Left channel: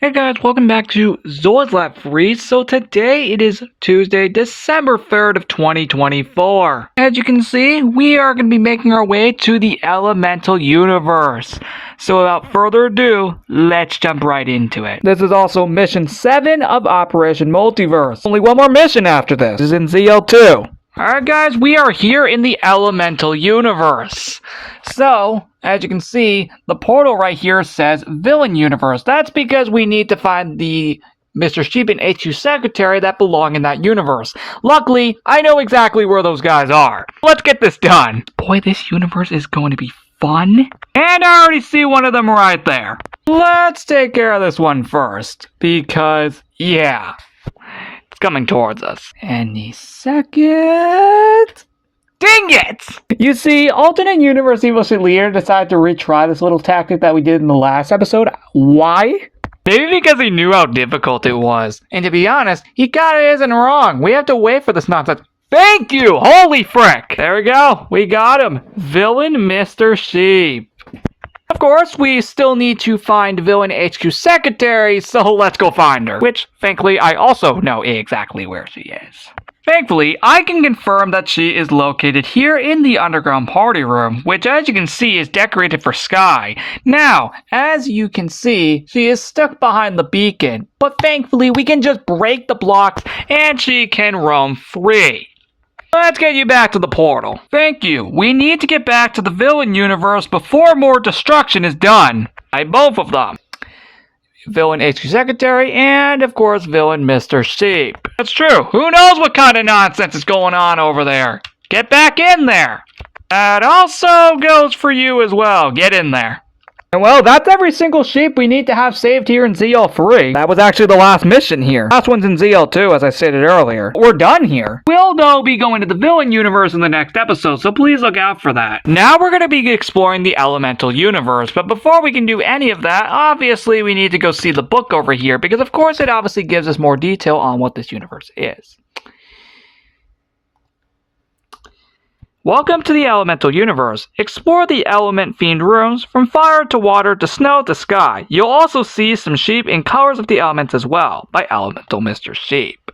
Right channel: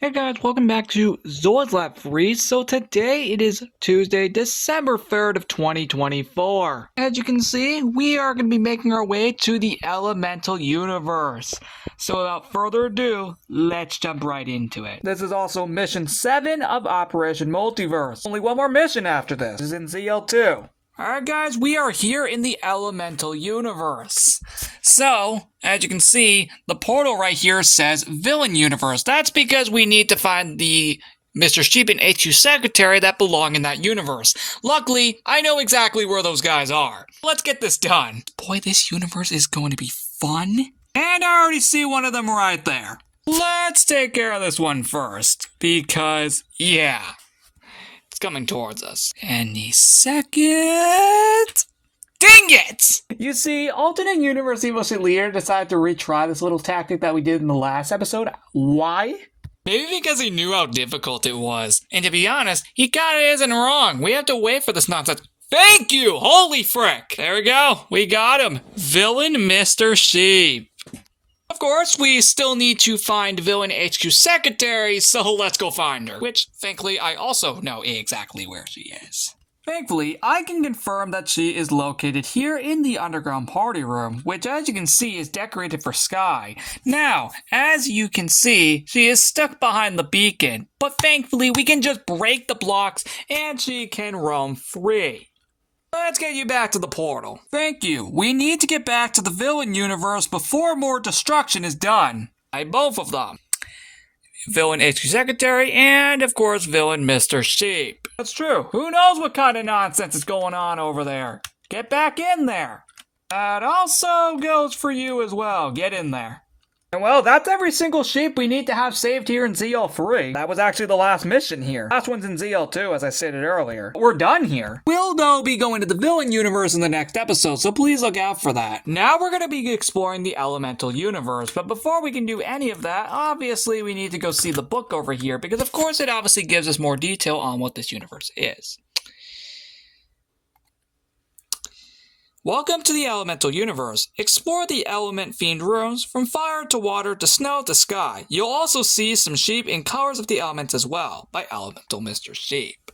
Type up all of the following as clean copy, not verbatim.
Hey guys, welcome back to Zora's Lab Freeze. So today it is Tuesday, December 3rd of 2024. As you can see, we are going to be making our way to the elemental universe. So without further ado, let's jump right into it. This is also mission 7 of Operation Multiverse. Only one more mission after this. This is in ZL2. Alright guys, we are here in the elemental universe. So, as you can see, the portal right here says Villain Universe. That's because we need to find the Mr. Sheep and HQ Secretary that belong in that universe. Luckily, I know exactly where those guys are. Let's get this done. Boy, this universe is going to be fun. And I already see one of them right there. Let's take care of this one first. Because, yeah, it's coming towards us. Any second. Dang it! You see, alternate universe evil leader decided to retry this little tactic that we did in the last episode. Why? Maybe because he knew how difficult it was. And to be honest, he kinda isn't wrong. We have to wait for this nonsense. Thank you! Holy frick! There we go. We got him. Villain Mr. Sheep. Of course, we still need to find Villain HQ Secretary, so let's go find her. Which, thankfully, I also know exactly where she is. Thankfully, I can confirm that she is located here in the underground party room, which as you can see is decorated for Sky. Now, as you can see, she is stuck behind the beacon, but thankfully we can just break the blocks and she can roam free. Let's get you back to the portal. Thank you. We need to get back to the villain universe before more destruction is done by both of them. Villain HQ Secretary, and of course, Villain Mr. Sheep. That's true. Who knows what kind of nonsense is going on over there? Get back in there. That also goes for you as well. Get in there. And well, that's every single sheep we need to have saved here in ZL3. That was actually the last mission here. Last one's in ZL2, as I stated earlier. We're done here. We'll, though, be going to the villain universe in the next episode, so please look out for that. Now we're going to be exploring the elemental universe, but before we can do any of that, obviously we need to go see the book over here, because of course it obviously gives us more detail on what this universe is. Welcome to the elemental universe. Explore the element fiend rooms from fire to water to snow to sky. You'll also see some sheep in colors of the elements as well by Elemental Mr. Sheep.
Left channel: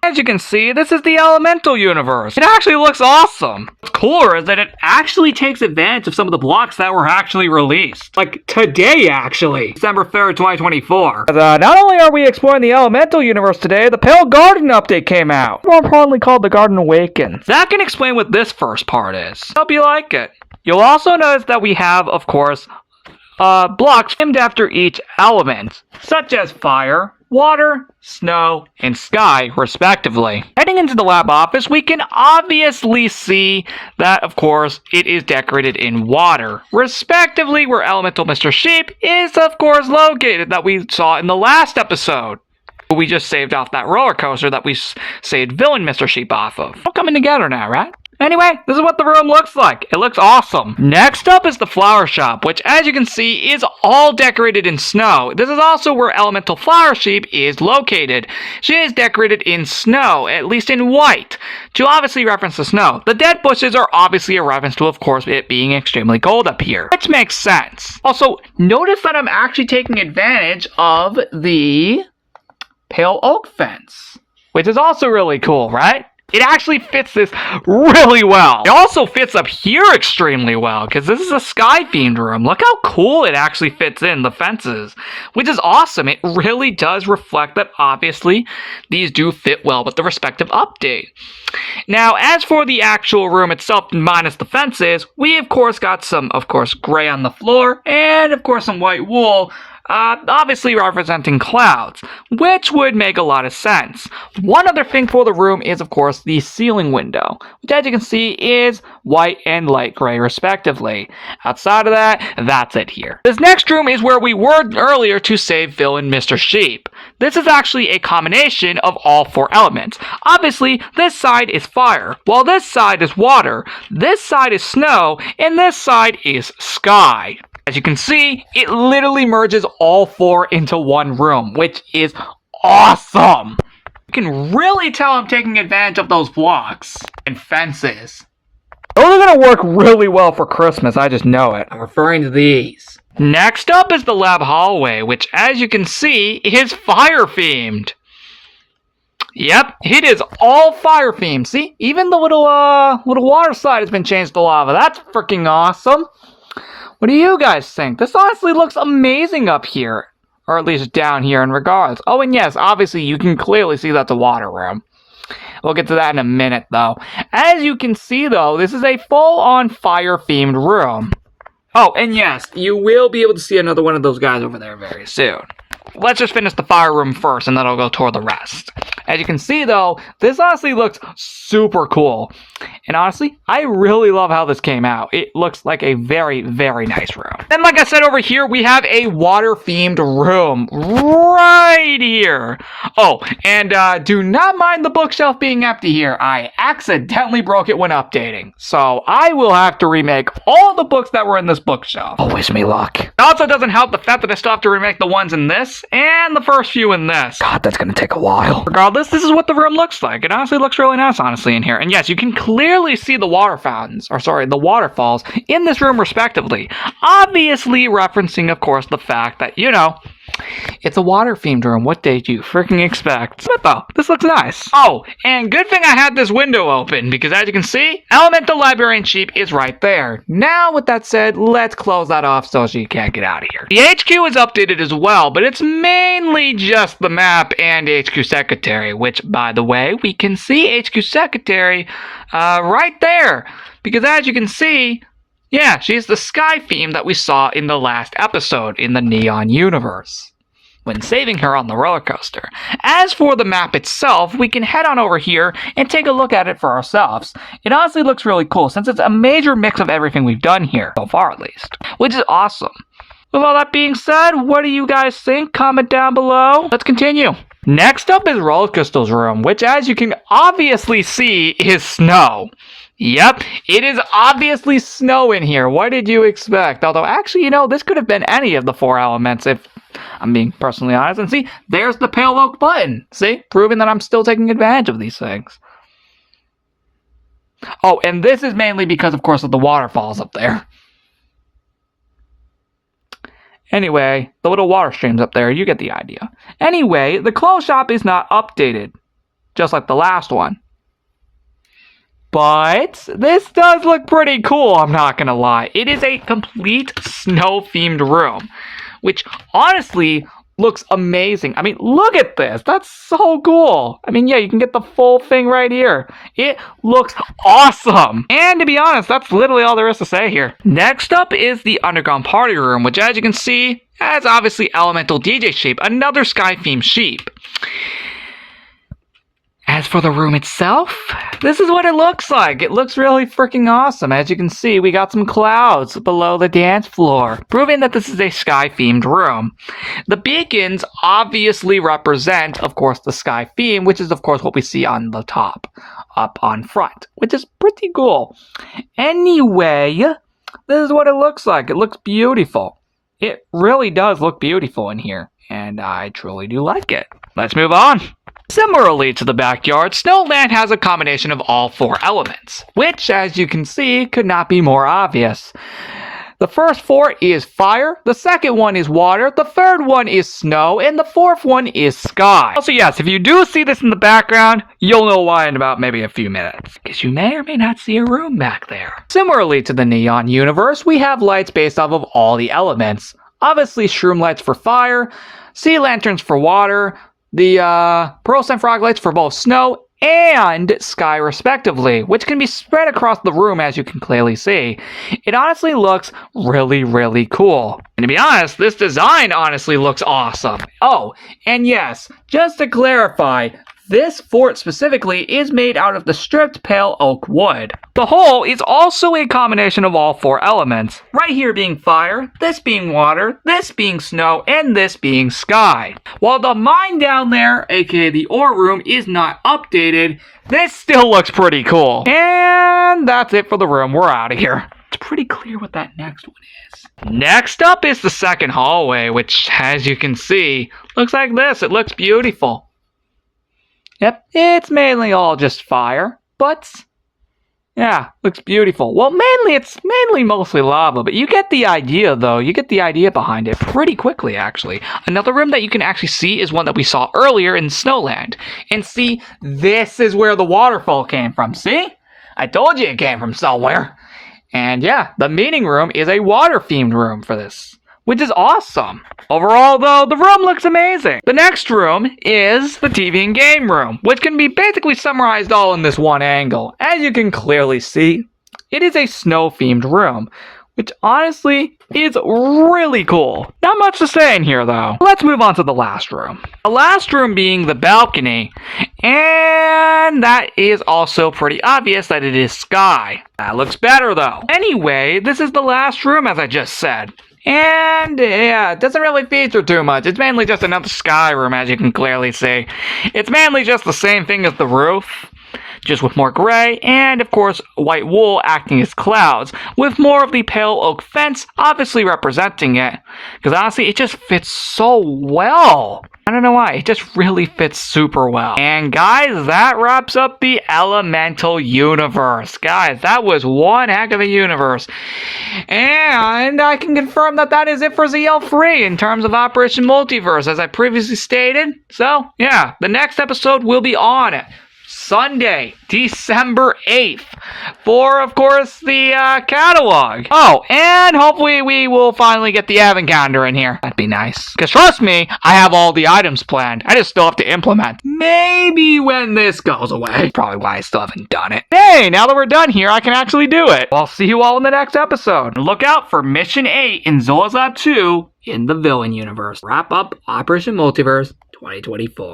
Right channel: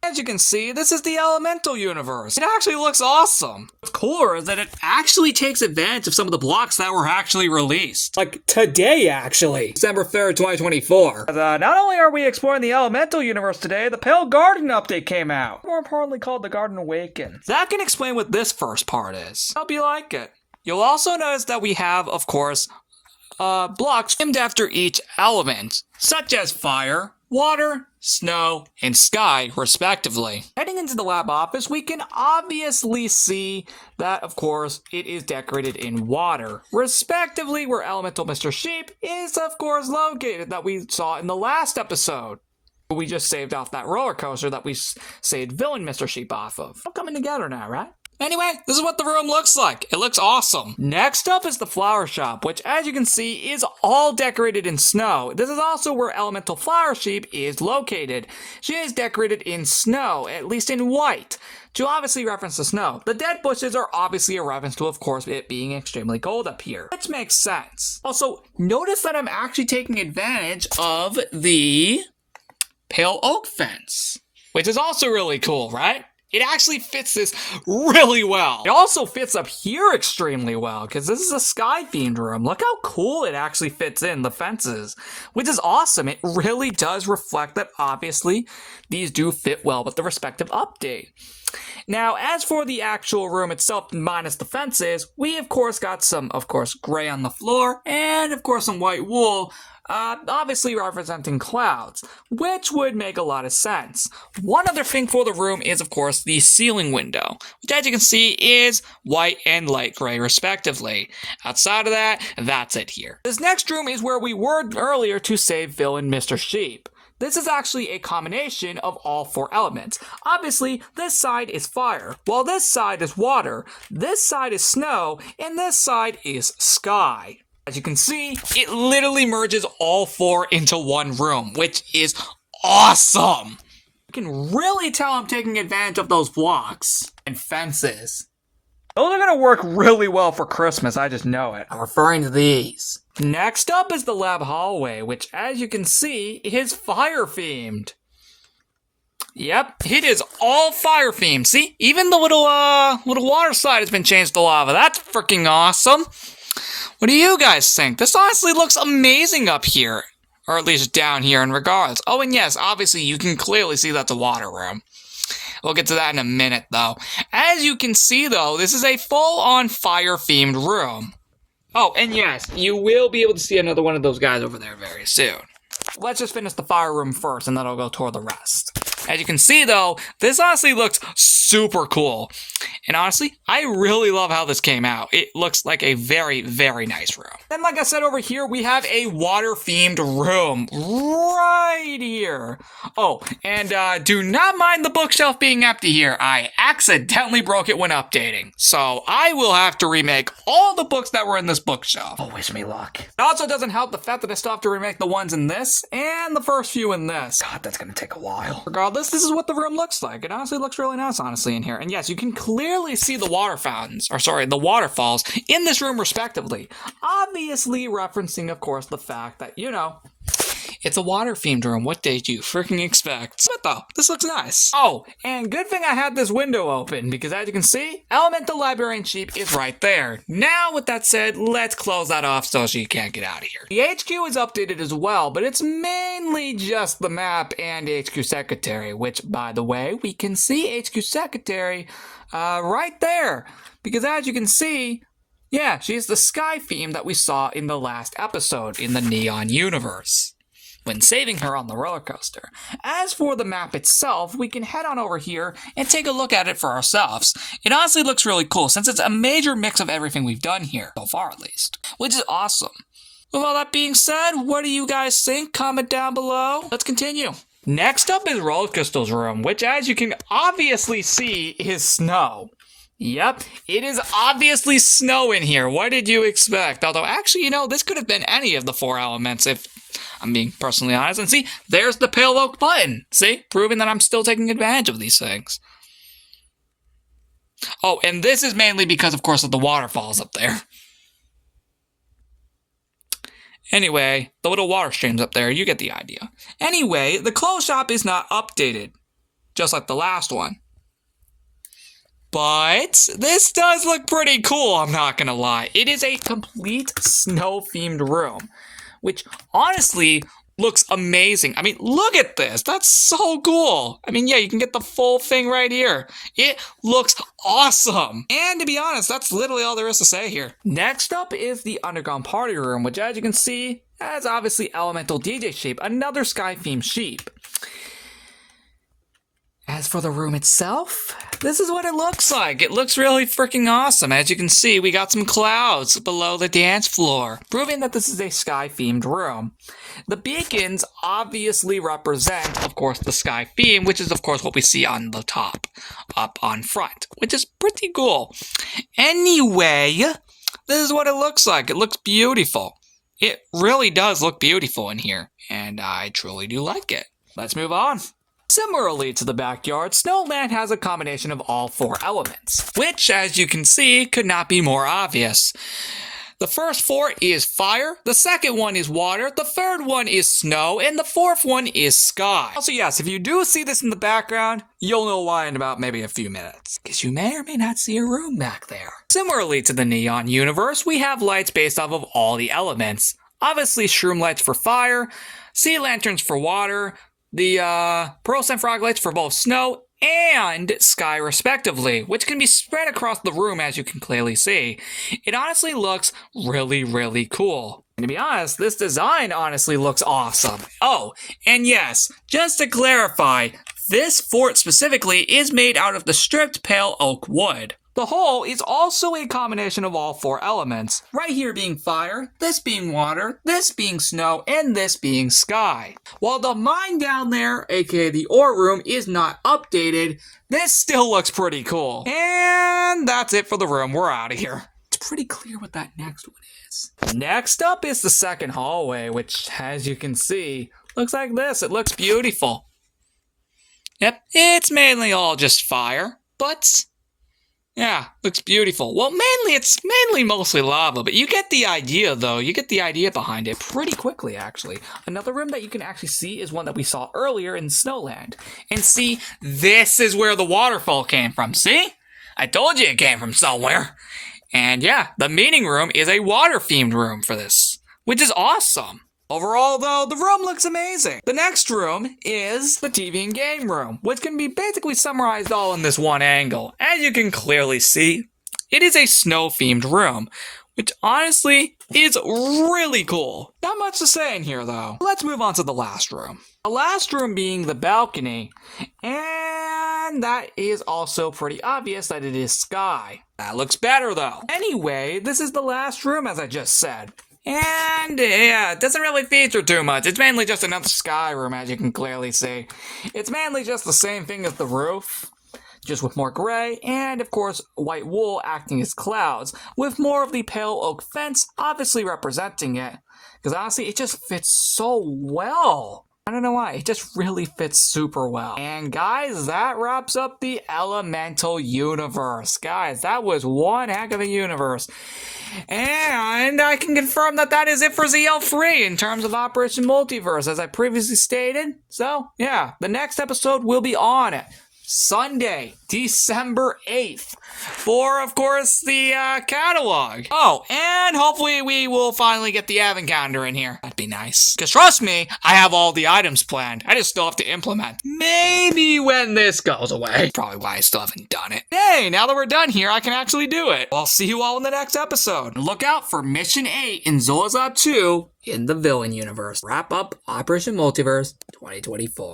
As you can see, this is the elemental universe. It actually looks awesome. What's cooler is that it actually takes advantage of some of the blocks that were actually released. Like today, actually. December 3rd, 2024. Not only are we exploring the elemental universe today, the Pale Garden update came out. More importantly called the Garden Awakens. That can explain what this first part is. Hope you like it. You'll also notice that we have, of course, blocks named after each element, such as fire, water, snow, and sky, respectively. Heading into the lab office, we can obviously see that, of course, it is decorated in water, respectively where Elemental Mr. Sheep is, of course, located, that we saw in the last episode. We just saved off that roller coaster that we saved Villain Mr. Sheep off of. All coming together now, right? Anyway, this is what the room looks like. It looks awesome. Next up is the flower shop, which as you can see is all decorated in snow. This is also where Elemental Flower Sheep is located. She is decorated in snow, at least in white, to obviously reference the snow. The dead bushes are obviously a reference to, of course, it being extremely cold up here, which makes sense. Also, notice that I'm actually taking advantage of the pale oak fence, which is also really cool, right? It actually fits this really well. It also fits up here extremely well, because this is a sky-themed room. Look how cool it actually fits in, the fences, which is awesome. It really does reflect that, obviously, these do fit well with the respective update. Now, as for the actual room itself, minus the fences, we, of course, got some, of course, gray on the floor, and, of course, some white wool, obviously representing clouds, which would make a lot of sense. One other thing for the room is, of course, the ceiling window, which as you can see is white and light gray respectively. Outside of that, that's it here. This next room is where we were earlier to save Villain Mr. Sheep. This is actually a combination of all four elements. Obviously, this side is fire, while this side is water, this side is snow, and this side is sky. As you can see, it literally merges all four into one room, which is awesome. You can really tell I'm taking advantage of those blocks and fences. Those are going to work really well for Christmas, I just know it. I'm referring to these. Next up is the lab hallway, which as you can see is fire themed. Yep, it is all fire themed. See, even the little water slide has been changed to lava. That's freaking awesome. What do you guys think? This honestly looks amazing up here. Or at least down here in regards. Oh, and yes, obviously you can clearly see that's a water room. We'll get to that in a minute, though. As you can see, though, this is a full-on fire-themed room. Oh, and yes, you will be able to see another one of those guys over there very soon. Let's just finish the fire room first, and then I'll go toward the rest. As you can see, though, this honestly looks super cool. And honestly, I really love how this came out. It looks like a very, very nice room. Then, like I said over here, we have a water-themed room right here. Oh, and do not mind the bookshelf being empty here. I accidentally broke it when updating. So I will have to remake all the books that were in this bookshelf. Oh, wish me luck. It also doesn't help the fact that I still have to remake the ones in this and the first few in this. God, that's gonna take a while. Regardless, this is what the room looks like. It honestly looks really nice, honestly, in here. And yes, you can clearly see the water fountains, or sorry, the waterfalls in this room respectively. Obviously referencing, of course, the fact that, you know, it's a water-themed room. What did you freaking expect? But though, this looks nice. Oh, and good thing I had this window open, because as you can see, Elemental Librarian Sheep is right there. Now, with that said, let's close that off so she can't get out of here. The HQ is updated as well, but it's mainly just the map and HQ Secretary, which, by the way, we can see HQ Secretary right there. Because as you can see, yeah, she's the sky theme that we saw in the last episode in the Neon universe, when saving her on the roller coaster. As for the map itself, we can head on over here and take a look at it for ourselves. It honestly looks really cool, since it's a major mix of everything we've done here, so far at least, which is awesome. With all that being said, what do you guys think? Comment down below. Let's continue. Next up is Roller Crystal's room, which as you can obviously see is snow. Yep, it is obviously snow in here. What did you expect? Although, actually, you know, this could have been any of the 4 elements if I'm being personally honest. And see, there's the pale oak button. See, proving that I'm still taking advantage of these things. Oh, and this is mainly because, of course, of the waterfalls up there. Anyway, the little water streams up there, you get the idea. Anyway, the clothes shop is not updated, just like the last one. But this does look pretty cool, I'm not gonna lie. It is a complete snow-themed room, which honestly looks amazing. I mean, look at this. That's so cool. I mean, yeah, you can get the full thing right here. It looks awesome. And to be honest, that's literally all there is to say here. Next up is the underground party room, which as you can see, has obviously Elemental DJ Sheep, another sky-themed sheep. As for the room itself, this is what it looks like. It looks really freaking awesome. As you can see, we got some clouds below the dance floor, proving that this is a sky-themed room. The beacons obviously represent, of course, the sky theme, which is, of course, what we see on the top, up on front, which is pretty cool. Anyway, this is what it looks like. It looks beautiful. It really does look beautiful in here, and I truly do like it. Let's move on. Similarly to the backyard, Snowland has a combination of all 4 elements, which, as you can see, could not be more obvious. The first 4 is fire, the second one is water, the third one is snow, and the fourth one is sky. Also, yes, if you do see this in the background, you'll know why in about maybe a few minutes, because you may or may not see a room back there. Similarly to the Neon universe, we have lights based off of all the elements. Obviously, shroom lights for fire, sea lanterns for water, the pearl scent frog lights for both snow and sky respectively, which can be spread across the room as you can clearly see. It honestly looks really, really cool. And to be honest, this design honestly looks awesome. Oh, and yes, just to clarify, this fort specifically is made out of the stripped pale oak wood. The whole is also a combination of all 4 elements, right here being fire, this being water, this being snow, and this being sky. While the mine down there, aka the ore room, is not updated, this still looks pretty cool. And that's it for the room. We're out of here. It's pretty clear what that next one is. Next up is the second hallway, which, as you can see, looks like this. It looks beautiful. Yep, it's mainly all just fire, but Yeah, looks beautiful. Well, it's mostly lava, but you get the idea, though. You get the idea behind it pretty quickly, actually. Another room that you can actually see is one that we saw earlier in Snowland. And see, this is where the waterfall came from, see? I told you it came from somewhere. And yeah, the meeting room is a water-themed room for this, which is awesome. Overall, though, the room looks amazing. The next room is the TV and game room, which can be basically summarized all in this one angle. As you can clearly see, it is a snow-themed room, which honestly is really cool. Not much to say in here, though. Let's move on to the last room. The last room being the balcony, and that is also pretty obvious that it is sky. That looks better, though. Anyway, this is the last room, as I just said. And yeah, it doesn't really feature too much. It's mainly just another sky room, as you can clearly see. It's mainly just the same thing as the roof, just with more gray, and of course, white wool acting as clouds, with more of the pale oak fence obviously representing it. Because honestly, it just fits so well. I don't know why, it just really fits super well. And guys, that wraps up the Elemental universe. Guys, that was one heck of a universe. And I can confirm that that is it for ZL3 in terms of Operation Multiverse, as I previously stated. So, yeah, the next episode will be on Sunday, December 8th, for, of course, the catalog. Oh, and hopefully we will finally get the advent calendar in here. That'd be nice. Because trust me, I have all the items planned. I just still have to implement. Maybe when this goes away. Probably why I still haven't done it. Hey, now that we're done here, I can actually do it. I'll see you all in the next episode. Look out for Mission 8 in Zola's Lab 2 in the Villain universe. Wrap up Operation Multiverse 2024.